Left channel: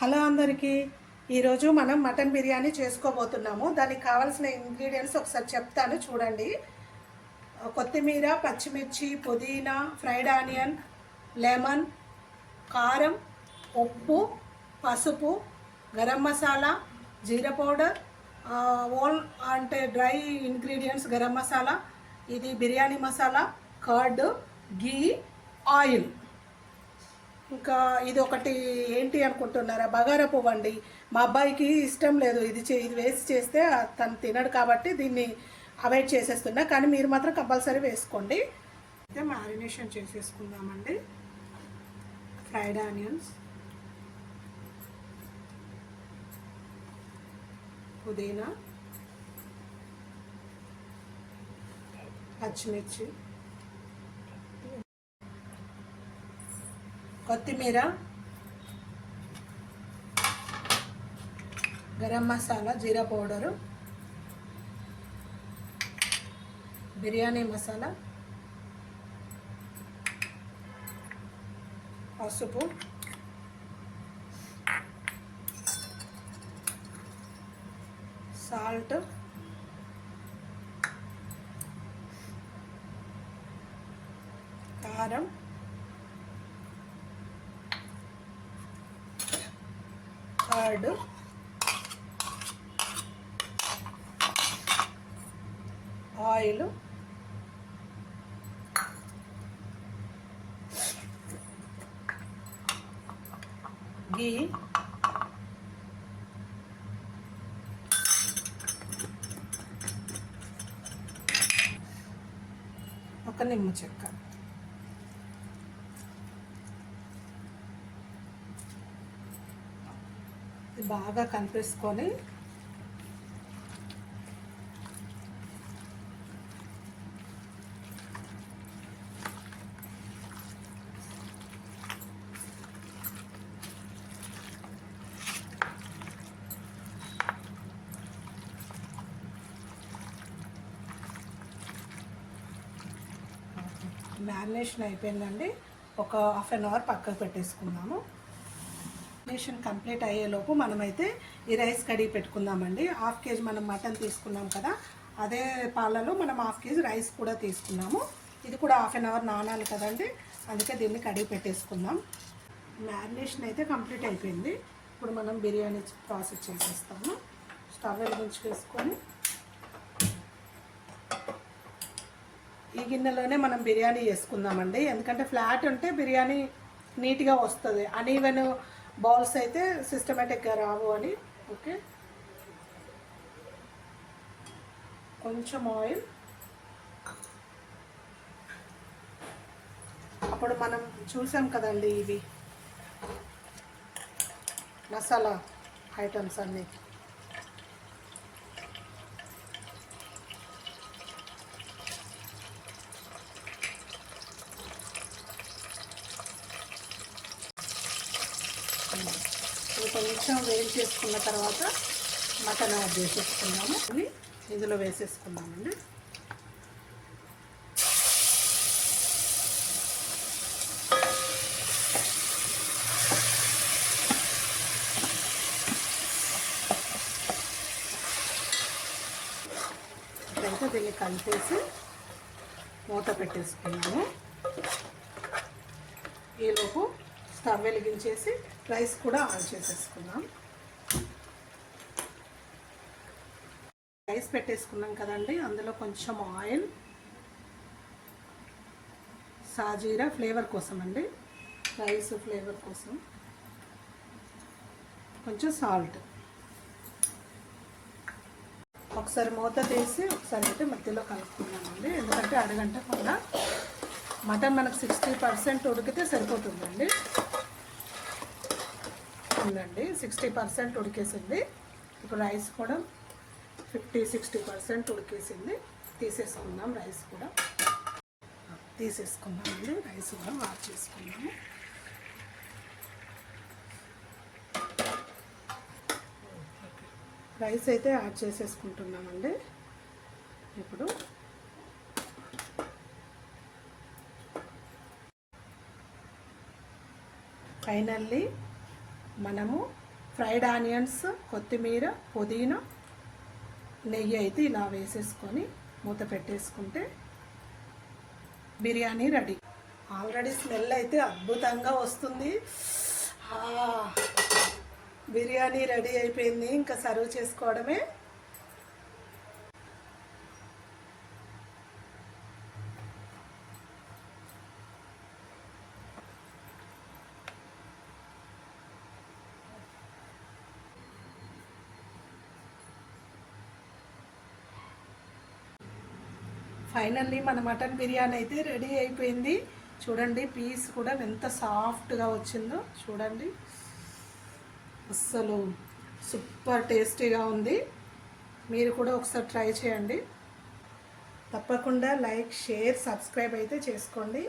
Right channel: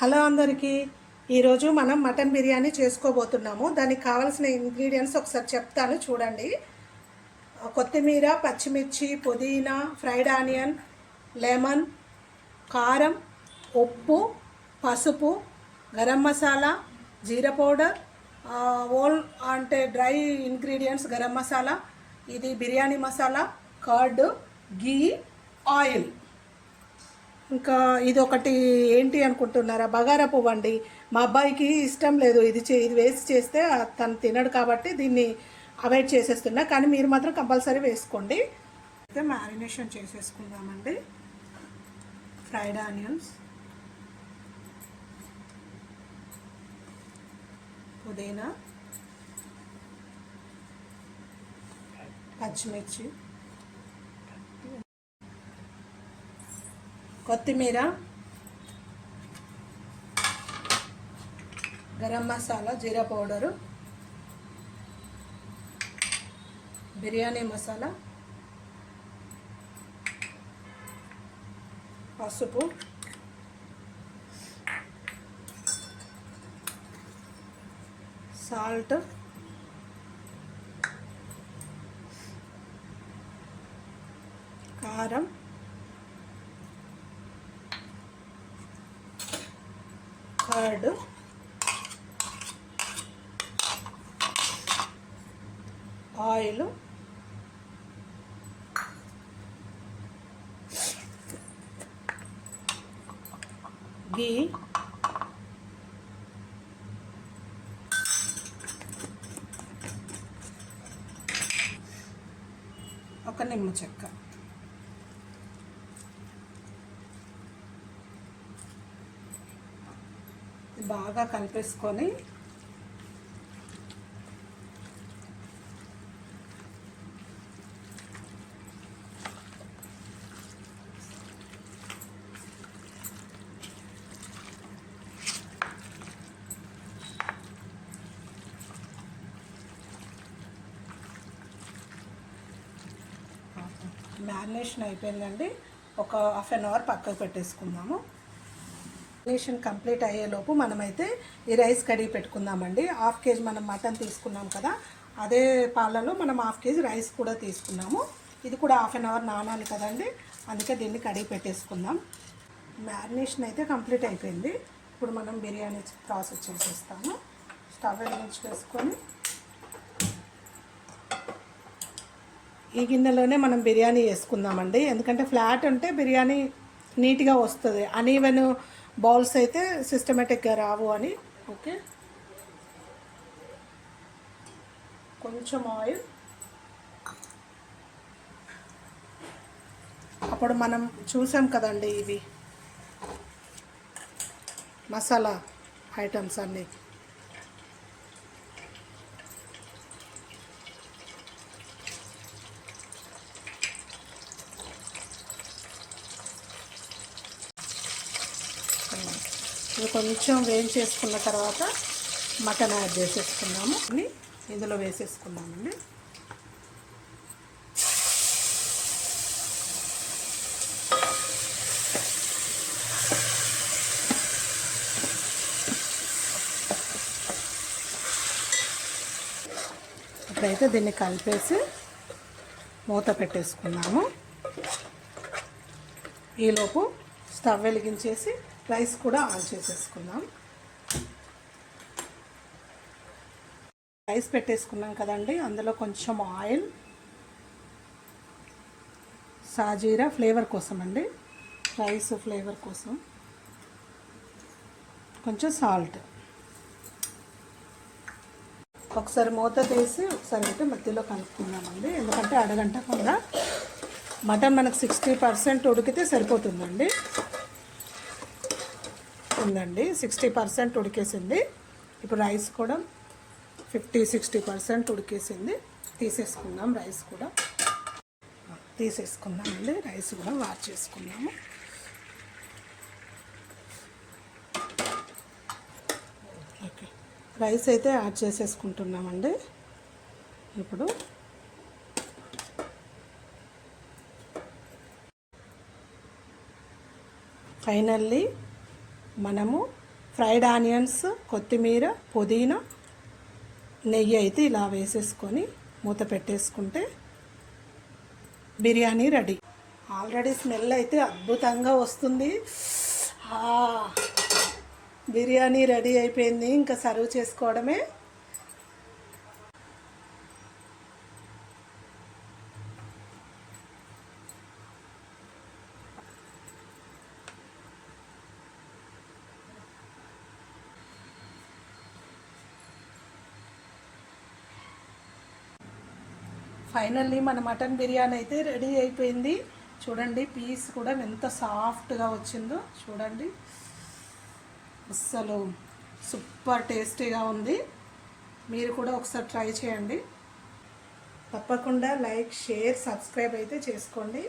Hello అందరికీ, ఈరోజు మనం మటన్ బిర్యానీ చేసుకోబోతున్నాము. దానికి కావాల్సిన ఇంగ్రీడియంట్స్ ఒకసారి చెప్తాను చూడండి. కొత్తిమీర, పచ్చిమిర్చి, పుదీనా, ఫ్రైడ్ ఆనియన్, లెమన్, కారం, ఉప్పు, పసుపు, గరం మసాలా, జీరా పౌడర్, ఓల్ అంటే డ్రై ఇంగ్రీడియంట్స్ గరం మసాలా, ఇది బిర్యానీ మసాలా, కర్డ్, గీ, ఆయిల్. ఇంకా ఇది ఒకటి ఏంటి అనుకుంటున్నారా, బగారా పువ్వు అండి. మా అబ్బాయికి ఇష్టం లేదు ఇది వేసి చేస్తే తను తినడు, కాబట్టి దీన్ని అవాయిడ్ చేసేస్తున్నా. కానీ మీరు మాత్రం కంపల్సరీ వేసుకోండి. అయితే మ్యారినేషన్ చేసేసుకుందామండి. ఫ్రైడ్ ఆనియన్స్, పుదీనా, పచ్చిమిర్చి, కొత్తిమీర, గరం మసాలా, జీరా పౌడరు, బిర్యానీ మసాలా, పసుపు, సాల్ట్, కారం, కర్డ్, ఆయిల్, గీ, ఒక నిమ్మ చెక్క. బాగా కలిపేసుకొని మ్యారినేషన్ అయిపోయిందండి. ఒక హాఫ్ అన్ అవర్ పక్కకు పెట్టేసుకుందాము. మ్యారినేషన్ కంప్లీట్ అయ్యేలోపు మనమైతే ఈ రైస్ కడిగి పెట్టుకుందామండి. హాఫ్ కేజీ మనం మటన్ తీసుకున్నాం కదా, అదే పాలలో మనం హాఫ్ కేజీ రైస్ కూడా తీసుకున్నాము. ఇది కూడా హాఫ్ అన్ అవర్ నానాలి కదండి, అందుకే దీన్ని కడిగి పెట్టేసుకుందాం. మ్యారినేషన్ అయితే కంప్లీట్ అయిపోయింది. ఇప్పుడు మనం బిర్యానీ ప్రాసెస్ చేసేస్తాము. స్టవ్ వెలిగించి వేసుకొని ఈ గిన్నెలోనే మనం బిర్యానీ వేసుకుందామండి. ఎందుకంటే ఫ్లాట్ ఉంటే బిర్యానీ నీట్గా వస్తుంది, అనీవెన్ బౌల్స్ అయితే సిస్టమేటిక్గా రావు అని. ఓకే, కొంచెం ఆయిల్. అప్పుడు మనం చూసాం కదండి, ఇవి మసాలా ఐటమ్స్ అన్నీ. ఇది కొంచెం వేయించేసుకున్న తర్వాత మటన్ యాడ్ చేసేసుకున్నాము. ఇందులో వేసేసుకున్నామండి. ఇప్పుడైతే దీన్ని కలిపేసి మూత పెట్టేసుకున్నాము. ఈలోపు స్టవ్ వెలిగించేసి రైస్ కూడా ఆన్ చేసేసుకుందాం. రైస్ పెట్టేసుకున్నాం కదండి, అందులో కొంచెం ఆయిల్, సాజీరా ఫ్లేవర్ కోసం అండి, రైస్ ఫ్లేవర్ కోసం, కొంచెం సాల్ట్. ఒకసారి మూత తీసి ఒకసారి అయితే మధ్యలో కలుపుకుందామండి. ఎందుకంటే అరగంట కూడా మటన్ మనకు 60% ఉడికితే సరిపోతుందండి. ఉందండి, 60% ఉడికేసింది. ఇప్పుడు రైస్ కూడా 50-60% ఉడికేసింది. తీసేసుకుందాం. రైస్ కూడా తీసేసుకుందామండి. రైస్ కూడా వాష్ చేసుకుందాము. ఓకే, రైస్ అయితే యాడ్ చేసేసుకుంటున్నామండి. ఇప్పుడు ఫైనల్లీ మనము ఫ్రైడ్ ఆనియన్స్, కొత్తిమీర, పుదీనా, నెయ్యి అయితే ఇలా వేసేసుకొని మూత పెట్టేసుకుంటే బిర్యానీ రెడీ. ఆల్రెడీ స్మెల్ అయితే అద్భుతంగా వస్తుంది. బిర్యానీ రెడీ అయిపోయింది, ఇంకా సర్వ్ చేసుకోవడమే. ఫైనల్లీ మన మటన్ బిర్యానీ అయితే రెడీ అయిపోయింది. చూడండి, పీస్ కూడా ఎంత సాఫ్ట్గా వచ్చిందో చూడండి. అస్సలు సూపర్ టేస్టీగా ఉంది. మీరు కూడా ఒకసారి ట్రై చేయండి. తప్పకుండా లైక్, షేర్, సబ్స్క్రైబ్ అయితే చేసుకోండి.